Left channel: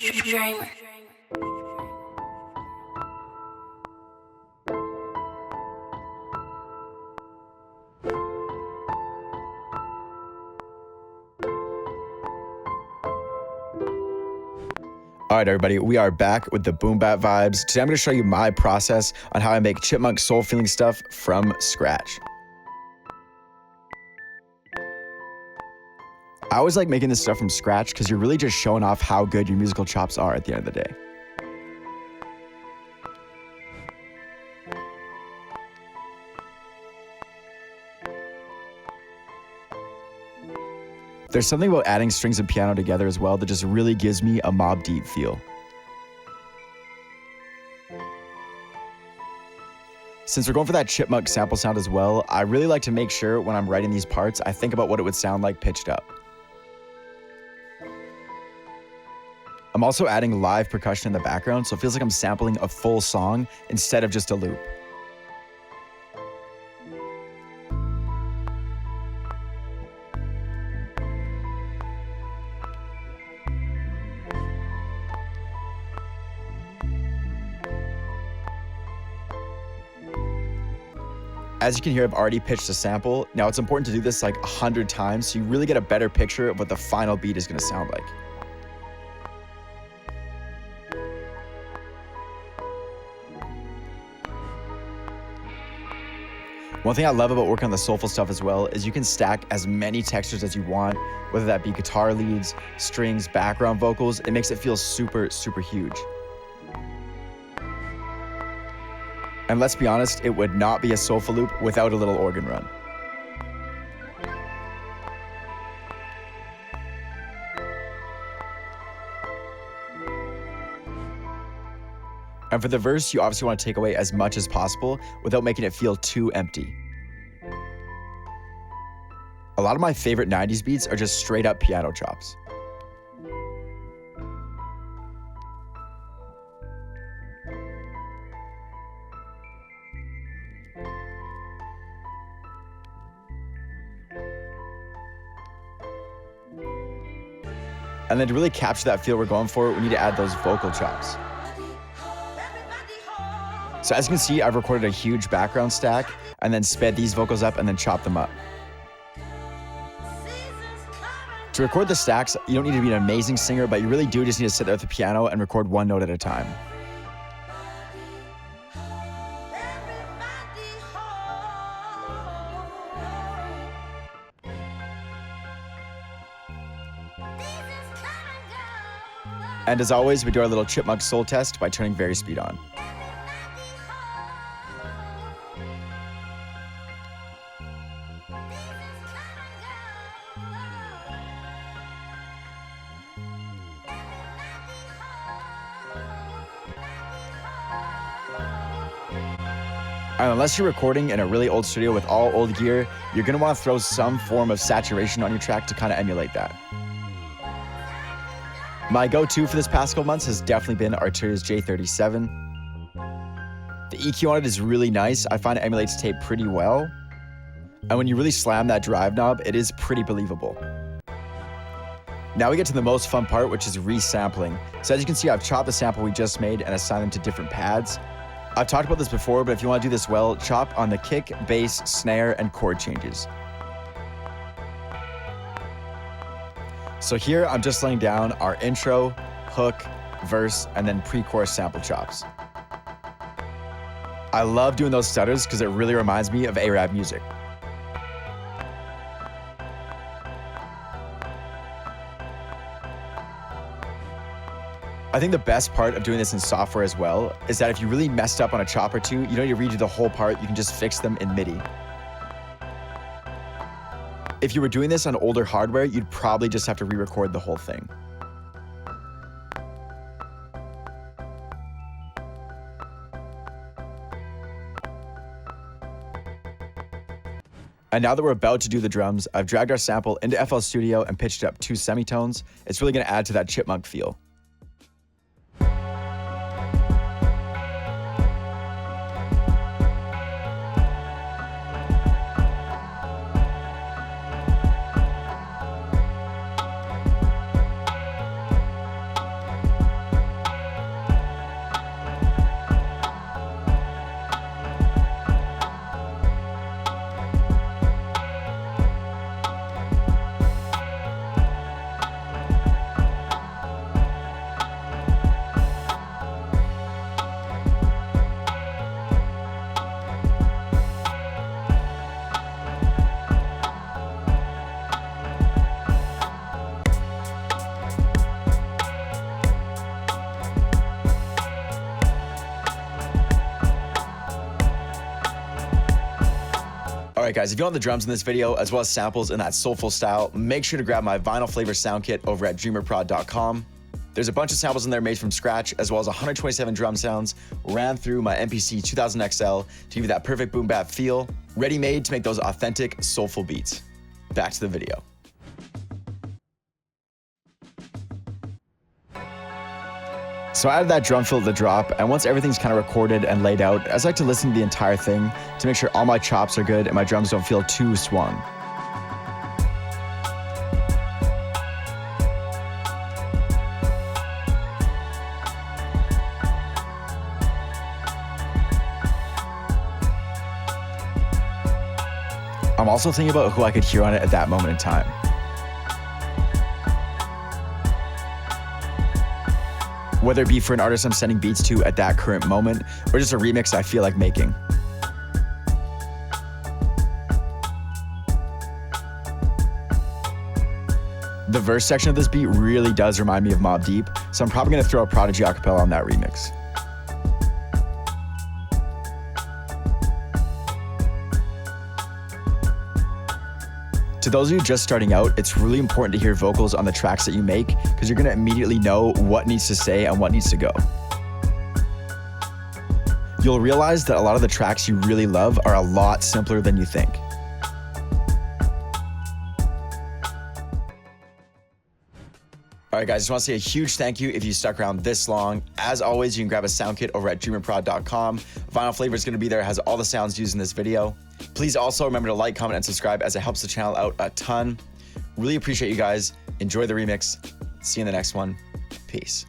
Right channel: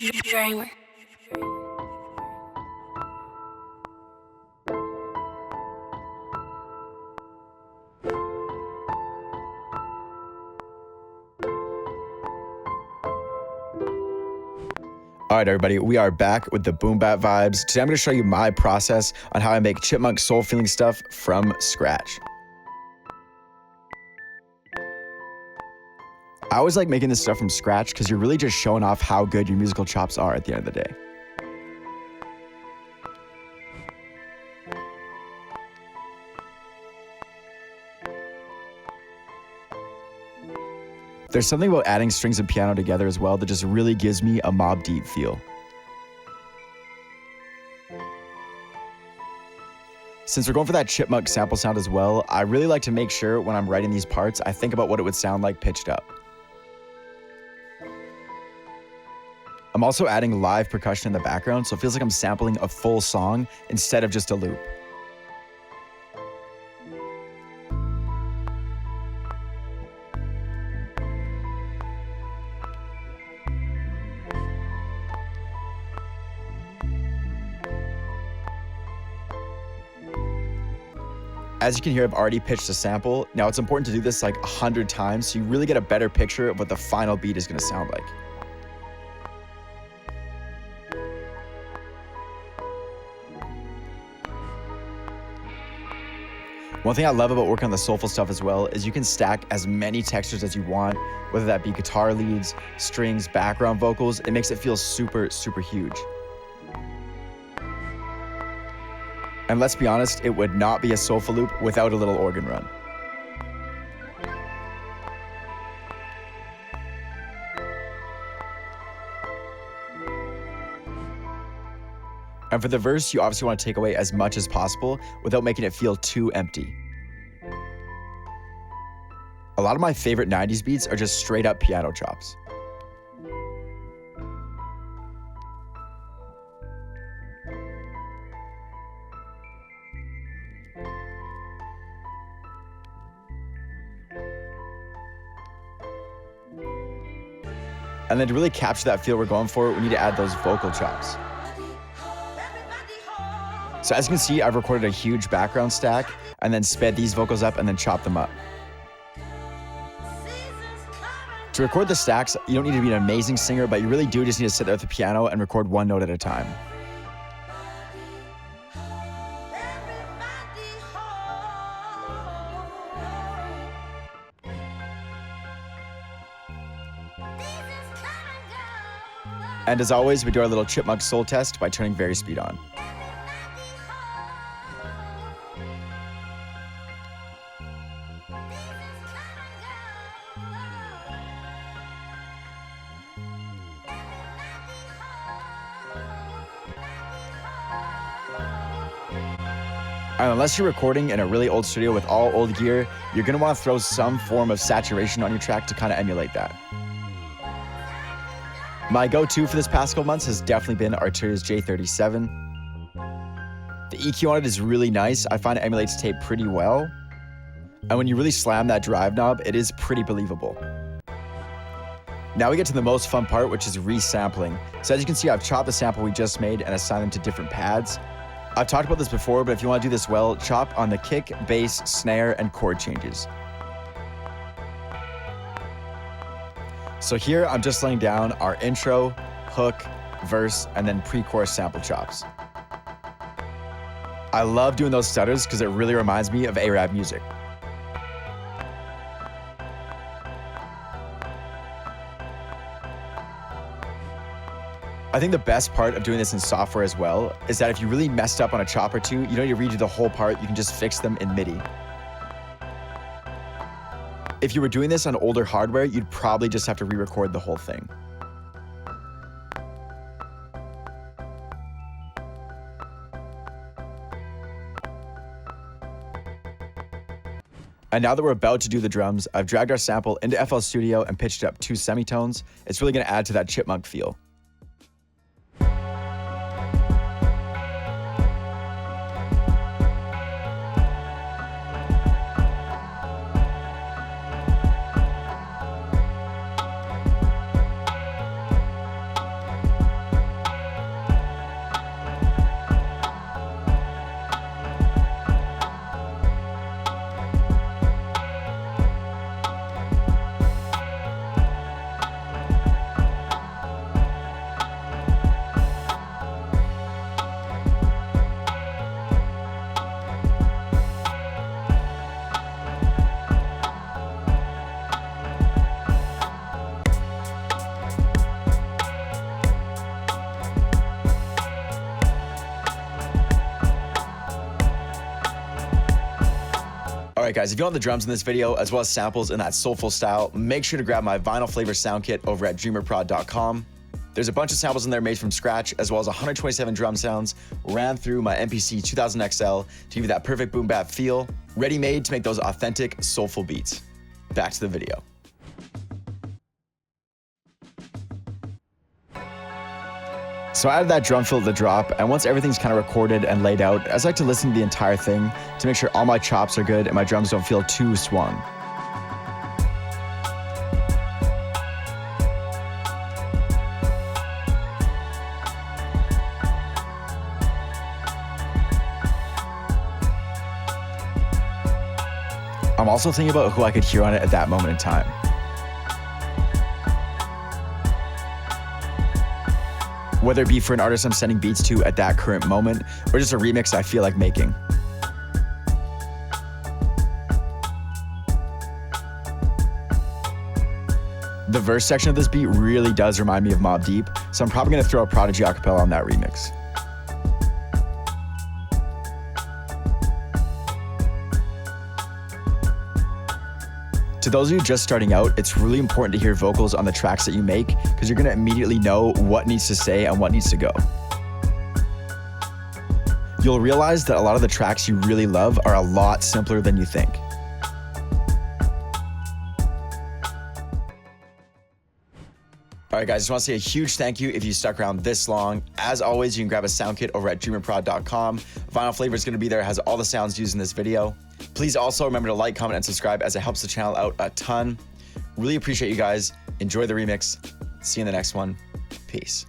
DREAMR. All right, everybody, we are back with the boom bap vibes. Today I'm going to show you my process on how I make chipmunk soul feeling stuff from scratch. I always like making this stuff from scratch because you're really just showing off how good your musical chops are at the end of the day. There's something about adding strings and piano together as well that just really gives me a Mobb Deep feel. Since we're going for that chipmunk sample sound as well, I really like to make sure when I'm writing these parts, I think about what it would sound like pitched up. I'm also adding live percussion in the background, so it feels like I'm sampling a full song instead of just a loop. As you can hear, I've already pitched a sample. Now it's important to do this like 100 times so you really get a better picture of what the final beat is going to sound like. One thing I love about working on the soulful stuff as well is you can stack as many textures as you want, whether that be guitar leads, strings, background vocals. It makes it feel super, super huge. And let's be honest, it would not be a soulful loop without a little organ run. And for the verse, you obviously want to take away as much as possible without making it feel too empty. A lot of my favorite 90s beats are just straight up piano chops. And then to really capture that feel we're going for, we need to add those vocal chops. So as you can see, I've recorded a huge background stack and then sped these vocals up and then chopped them up. To record the stacks, you don't need to be an amazing singer, but you really do just need to sit there at the piano and record one note at a time. And as always, we do our little chipmunk soul test by turning Varispeed on. And unless you're recording in a really old studio with all old gear, you're gonna wanna throw some form of saturation on your track to kind of emulate that. My go-to for this past couple months has definitely been Arturia J37. The EQ on it is really nice. I find it emulates tape pretty well. And when you really slam that drive knob, it is pretty believable. Now we get to the most fun part, which is resampling. So as you can see, I've chopped the sample we just made and assigned them to different pads. I've talked about this before, but if you want to do this well, chop on the kick, bass, snare, and chord changes. So here I'm just laying down our intro, hook, verse, and then pre-chorus sample chops. I love doing those stutters because it really reminds me of Arab music. I think the best part of doing this in software as well is that if you really messed up on a chop or two, you don't need to redo the whole part, you can just fix them in MIDI. If you were doing this on older hardware, you'd probably just have to re-record the whole thing. And now that we're about to do the drums, I've dragged our sample into FL Studio and pitched it up 2 semitones. It's really gonna add to that chipmunk feel. Alright guys, if you want the drums in this video, as well as samples in that soulful style, make sure to grab my vinyl flavor sound kit over at DREAMRprod.com. There's a bunch of samples in there made from scratch, as well as 127 drum sounds ran through my MPC 2000 XL to give you that perfect boom bap feel, ready-made to make those authentic, soulful beats. Back to the video. So I added that drum fill to the drop, and once everything's kind of recorded and laid out, I just like to listen to the entire thing to make sure all my chops are good and my drums don't feel too swung. I'm also thinking about who I could hear on it at that moment in time. Whether it be for an artist I'm sending beats to at that current moment, or just a remix I feel like making. The verse section of this beat really does remind me of Mobb Deep, so I'm probably gonna throw a Prodigy acapella on that remix. To those of you just starting out, it's really important to hear vocals on the tracks that you make because you're going to immediately know what needs to stay and what needs to go. You'll realize that a lot of the tracks you really love are a lot simpler than you think. Alright guys, just want to say a huge thank you if you stuck around this long. As always, you can grab a sound kit over at DREAMRprod.com. Vinyl Flavor is going to be there, it has all the sounds used in this video. Please also remember to like, comment, and subscribe as it helps the channel out a ton. Really appreciate you guys. Enjoy the remix. See you in the next one. Peace.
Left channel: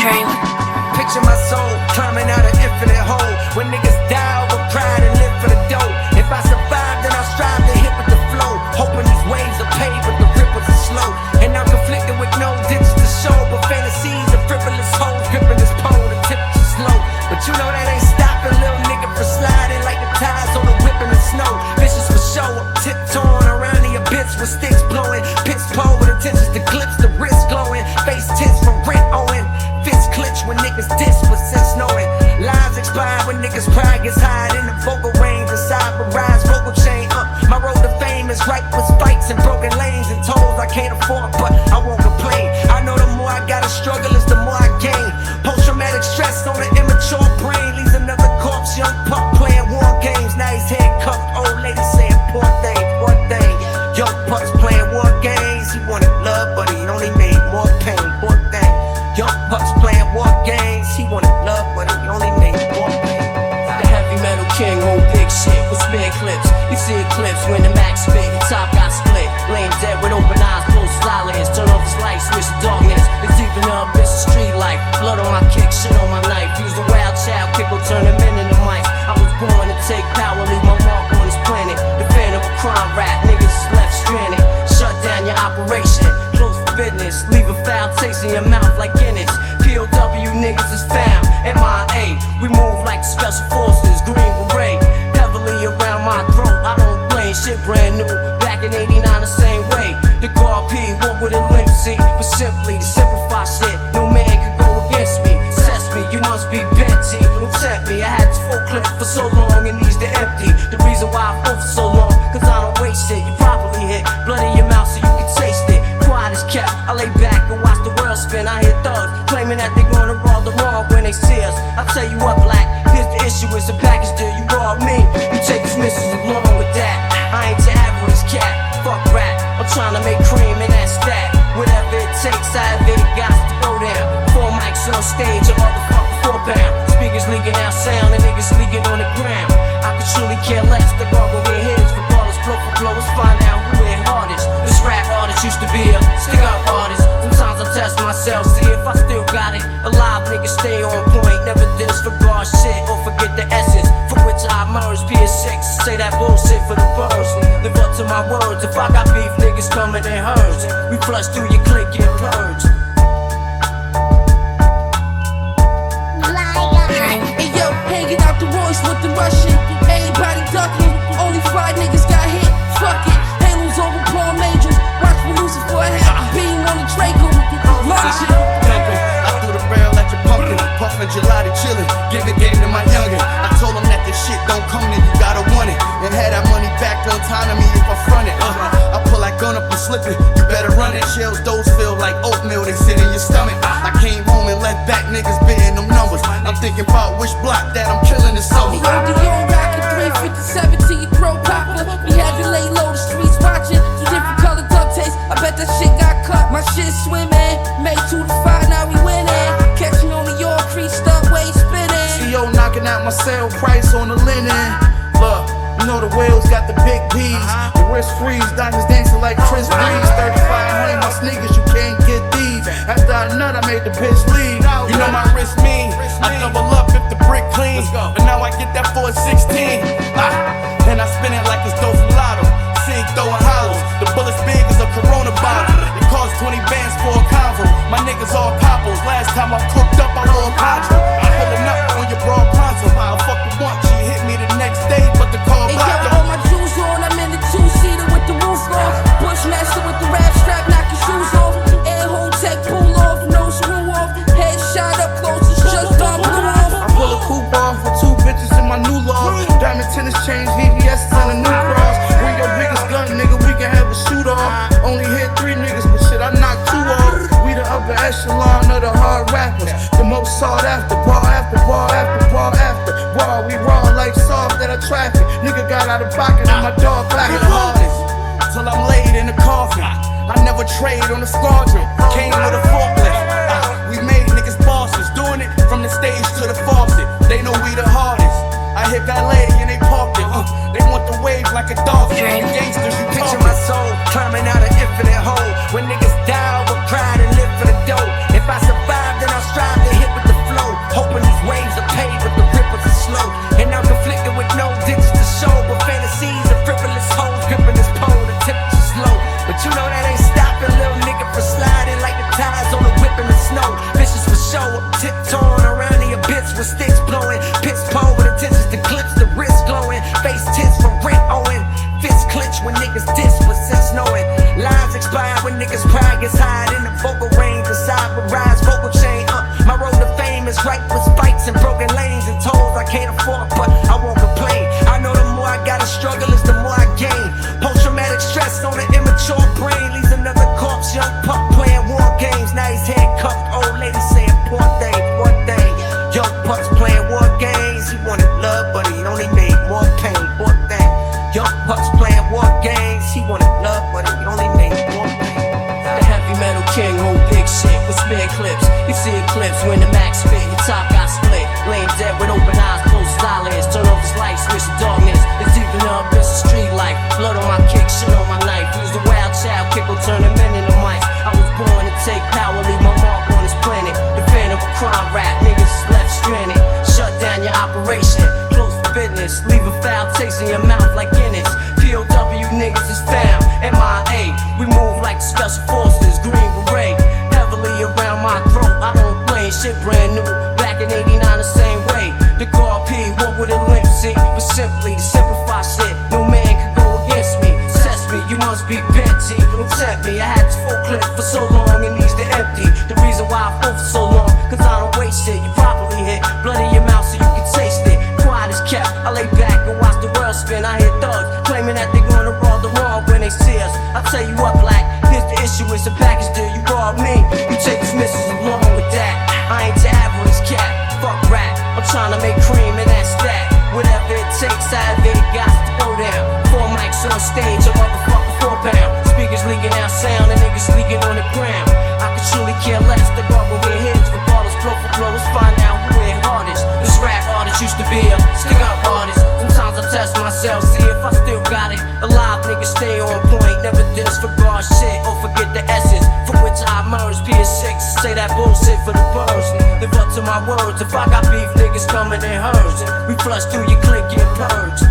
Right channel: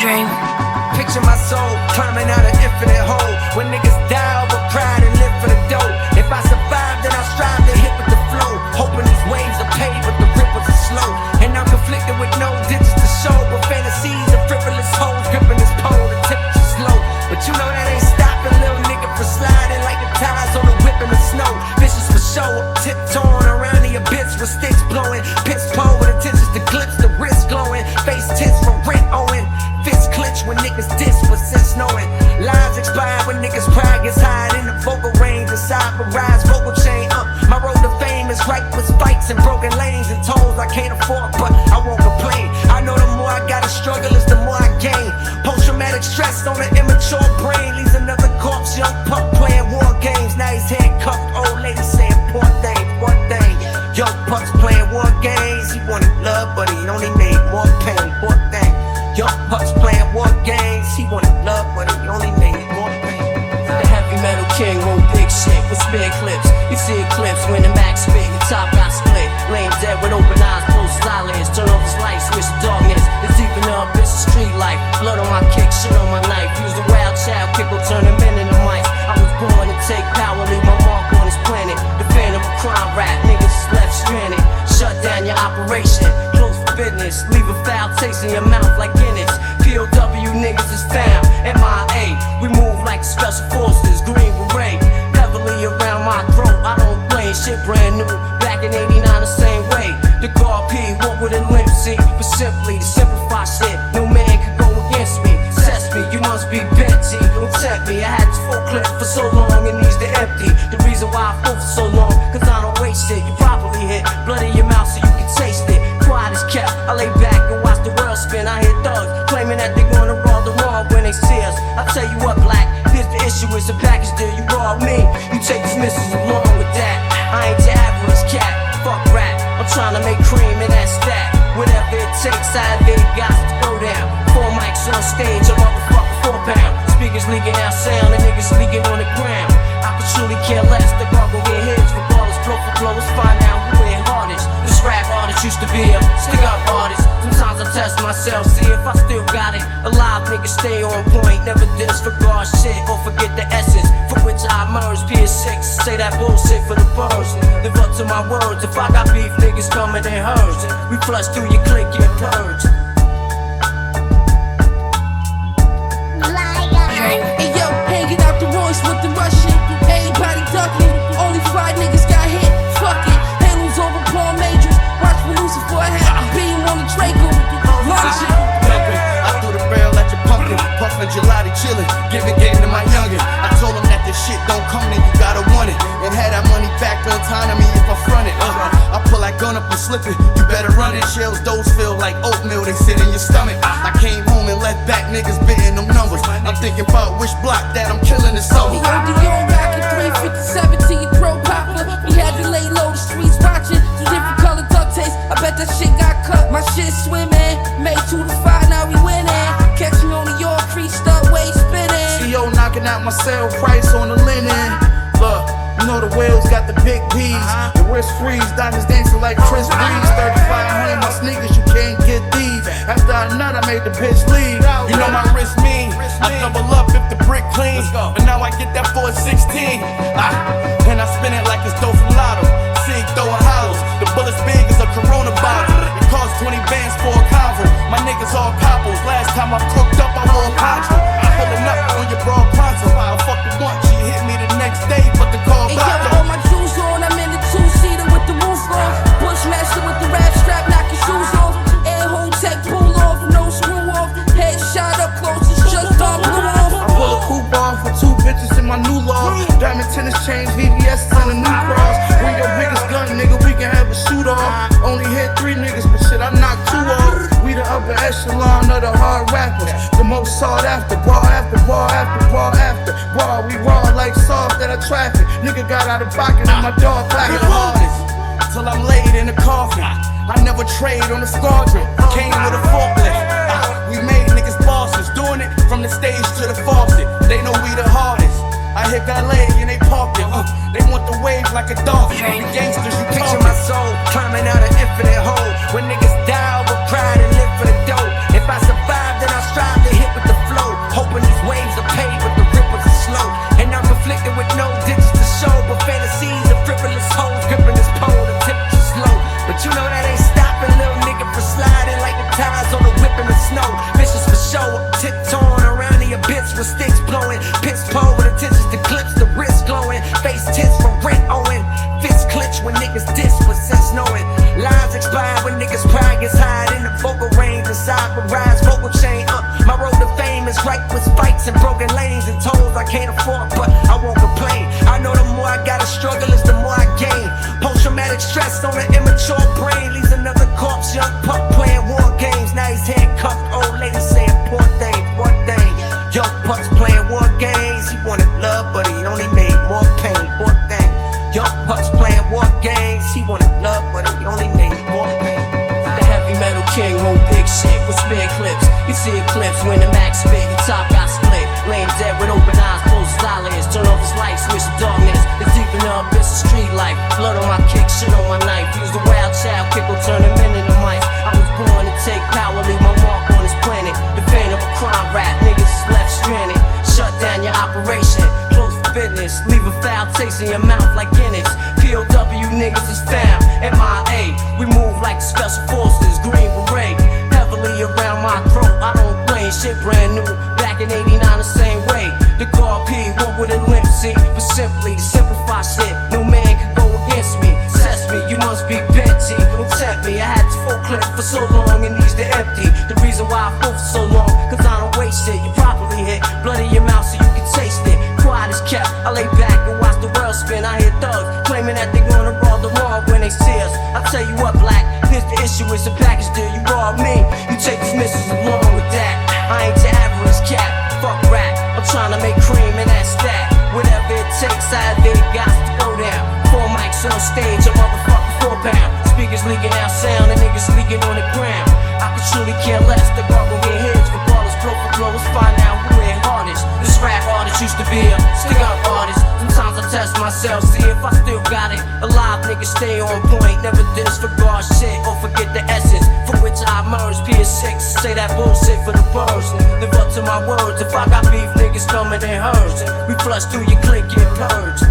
DREAMR. Picture my soul climbing out an infinite hole. When niggas die over pride and live for the dough. If I survive, then I'll strive to hit with the flow. Hoping these waves are paid, but the ripples are slow. And I'm conflicted with no digits to show. But fantasies of frivolous hoes gripping this pole. The temperature's low, but you know that ain't stopping little nigga from sliding like the tides on the whip in the snow. Vicious for show, tiptoeing around the abyss with sticks blowing. Piss pole with intentions to clips, the wrist glowing. Face tense from rent owing. Fists clench when niggas diss, but since knowing lives expire when niggas pride gets high in the vocal range. The cyberized vocal chain. My road to fame is ripe with spikes and broken lanes and tolls I can't afford, but I won't complain. I know the more I gotta struggle is the more I gain. Post-traumatic stress on an immature brain leaves another corpse. Young pup playing war games. Now he's handcuffed. Old lady saying poor thing, poor thing. Young pups playing war games. He wanted love, but he only made more pain. Poor thing. Young pups playing war games. He wanted love, but he only made more pain. The heavy metal king, hold big shit with spare clips. You see eclipse when the max spit, your top got split. Laying dead with open eyes, close his eyelids. Turn off his lights, switch to darkness. It's deep in the abyss of street life. Blood on my kick, shit on my knife. Use a wild child, kick will turn them into mice. I was born to take power, leave my mark on this planet. The fan of a crime rap, niggas is left stranded. Shut down your operation, close for business. Leave a foul taste in your mouth like Guinness. POW niggas is found, MIA. We move like special forces, Green Beret. Heavily around my throat, I don't blame shit brand new. Back in 89 the same way. The guard P, walk with a limp seat. But simply to simplify shit, no man can go against me. Test me, you must be bent, T. Don't tempt me, I had this full clip for so long, it needs to empty. The reason why I full for so long, cause I don't waste shit. You properly hit blood in your mouth so you can taste it. Quiet is kept, I lay back and watch the world spin. I hear thugs claiming that they're gonna roll the wrong when they see us. I tell you what, black, here's the issue, it's a package deal. You rob me, you take these missiles along with that. I ain't your average cat, fuck rap. I'm trying to make cream in that stack. Whatever it takes, I have it, got to go down. 4 mics on stage, a motherfucker 4 pound. Speakers leaking out sound, and niggas leaking on the ground. I could truly care less, the bar gon' get hits. Regardless, blow for blow, let's find out who hit hardest. This rap artist used to be a stick-up artist. Sometimes I test myself, see if I still got it. Alive niggas stay on point, never disregard shit or forget the essence for which I emerged. PS6, say that bullshit for the birds. Live up to my words, if I got beef, niggas coming in herds. We flush through your clique, get purged. Hey yo, hanging out the voice with the Russian. Everybody ducking, only fire Side niggas got hit, fuck it. Halos over palm angels. Watch for Lucifer, I had the beam on the Draco. Launch it. Dumping, I threw the barrel at your pumpkin, puffin' gelati, chillin', giving game to my youngin'. I told him that this shit don't come, then you gotta want it, and had that money back on time to me if I front it. I pull that gun up and slip it, you better run it. Shells, those feel like oatmeal, they sit in your stomach. I came home and left back niggas bidding them numbers. I'm thinking about which block that I'm killing this summer. The ODO rockin' 357 to your throat popper. We had to lay low, the streets watching. Two different color duct tapes, I bet that shit got cut. My shit swimming, made 2 to 5, now we winning. Catch me on the York, creased up, way spinning. CO knocking out my sale price on the linen. Look, you know the whales got the big B's. The wrist freeze, diamonds dancing like Chris Breeze. 3500, my sneakers, you can't get these. After I nut, I made the bitch leave. You know my wrist mean, I double up if the brick clean. But now I get that for a 16. And I spin it like it's dough from Lotto. Sig throwing hollows, the bullet's big as a Corona bottle. It costs 20 bands for a convo. My niggas all coppos. Last time I cooked up, I wore a poncho. Pulling up on your broad pronto. I fucked her once, she hit me the next day, but the call Hey blocked yo, her. all my jewels on, I'm in the two-seater with the roof on. Bushmaster with the rap strap, knock your shoes off. Air hole tech, pull off, no screw off. Head shot up close, it's just done blew off. I pull a coupe off with 2 bitches in my new law. Diamond tennis chains, VVS and a new cross. Bring your biggest gun, nigga, we can have a shoot off. Only hit 3 niggas, but shit, I knocked 2 off. We the upper echelon of the hard rappers. The most sought after, bar after bar after bar after bar. We raw like soft at a traffic. Nigga got out of pocket and my dog clapped the hardest. Till I'm laid in the coffin. I never trade on the squadron. Came with a forklift. We made niggas bosses, doing it from the stage to the faucet. They know we the hardest. I hit valet and they parked it. They want the wave like a dolphin. The gangsters, you Picture talking. my soul climbing out an infinite hole. When niggas die over pride and live for the dough. If I survive, then I'll strive to hit with the flow. Hoping these waves are paid, but the ripples are slow. And I'm conflicted with no digits to show. But fantasies of frivolous hoes gripping this pole. The temperature's low. But you know that ain't stopping little nigga from sliding like the tires on the whip in the snow. Vicious for show, tiptoeing around the abyss with sticks blowing. Piss pole with intentions to clips, the wrist glowing. Face tense from rent owing. Fists clench when niggas diss, but since knowing lines expire when niggas pride gets high in the vocal range. Inside the rise vocal chain. My road to fame is ripe with fights and broken lanes and tolls I can't afford, but I won't complain. I know the more I gotta struggle is the more I gain. Post-traumatic stress on an immature brain leaves another corpse. Young pup playing war games. Now he's handcuffed. Old lady saying poor thing, poor thing. Young pups playing war games. He wanted love, but he only made more pain. Poor thing. Young pups playing war games. He wanted love, but he only made more pain. The heavy metal king hold big shit with spare clips. You see eclipse when the max spit, your top got split. Laying dead with open eyes, close his eyelids. Turn off his light, switch to darkness. It's deep in the abyss of street life. Blood on my kick, shit on my knife. Use the wild child, kickle, turn them into mice. I was born to take power, leave my mark on this planet. The fan of a crime rap, niggas left stranded. Shut down your operation, close for business. Leave a foul taste in your mouth like Guinness. POW niggas is found, MIA. We move like the special forces, green beret. Heavily around my throat, I don't blame shit brand new. Back in 89 the same way. The car P, what would a limp see? But simply to simplify shit, no man can go against me. Test me, you must be bent, G. Don't tempt me, I had this full clip for so long, it needs to empty. The reason why I fought for so long, cause I don't waste shit. You properly hit blood in your mouth so you can taste it. Quiet as kept, I lay back and watch the world spin. I hear thugs claiming that they gonna rob the wrong when they see us. I tell you what, black, here's the issue, it's a package deal. You rob me, you take these missiles along with that. I ain't your average cat, fuck rap. I'm trying to make cream and that's that. Whatever it takes, I have it, got to go down. 4 mics on stage, a motherfucking 4 pound. Speakers leaking out sound, and niggas leaking on the ground. I could truly care less, the gargle with heads, regardless, blow for blow, let's find out who hit hardest. This rap artist used to be a stick-up artist. Sometimes I test myself, see if I still got it. Alive niggas stay on point, never disregard shit or forget the essence from which I emerged. PS6, say that bullshit for the birds. Live up to my words, if I got beef, niggas coming in herds. We flush through your clique, get purged.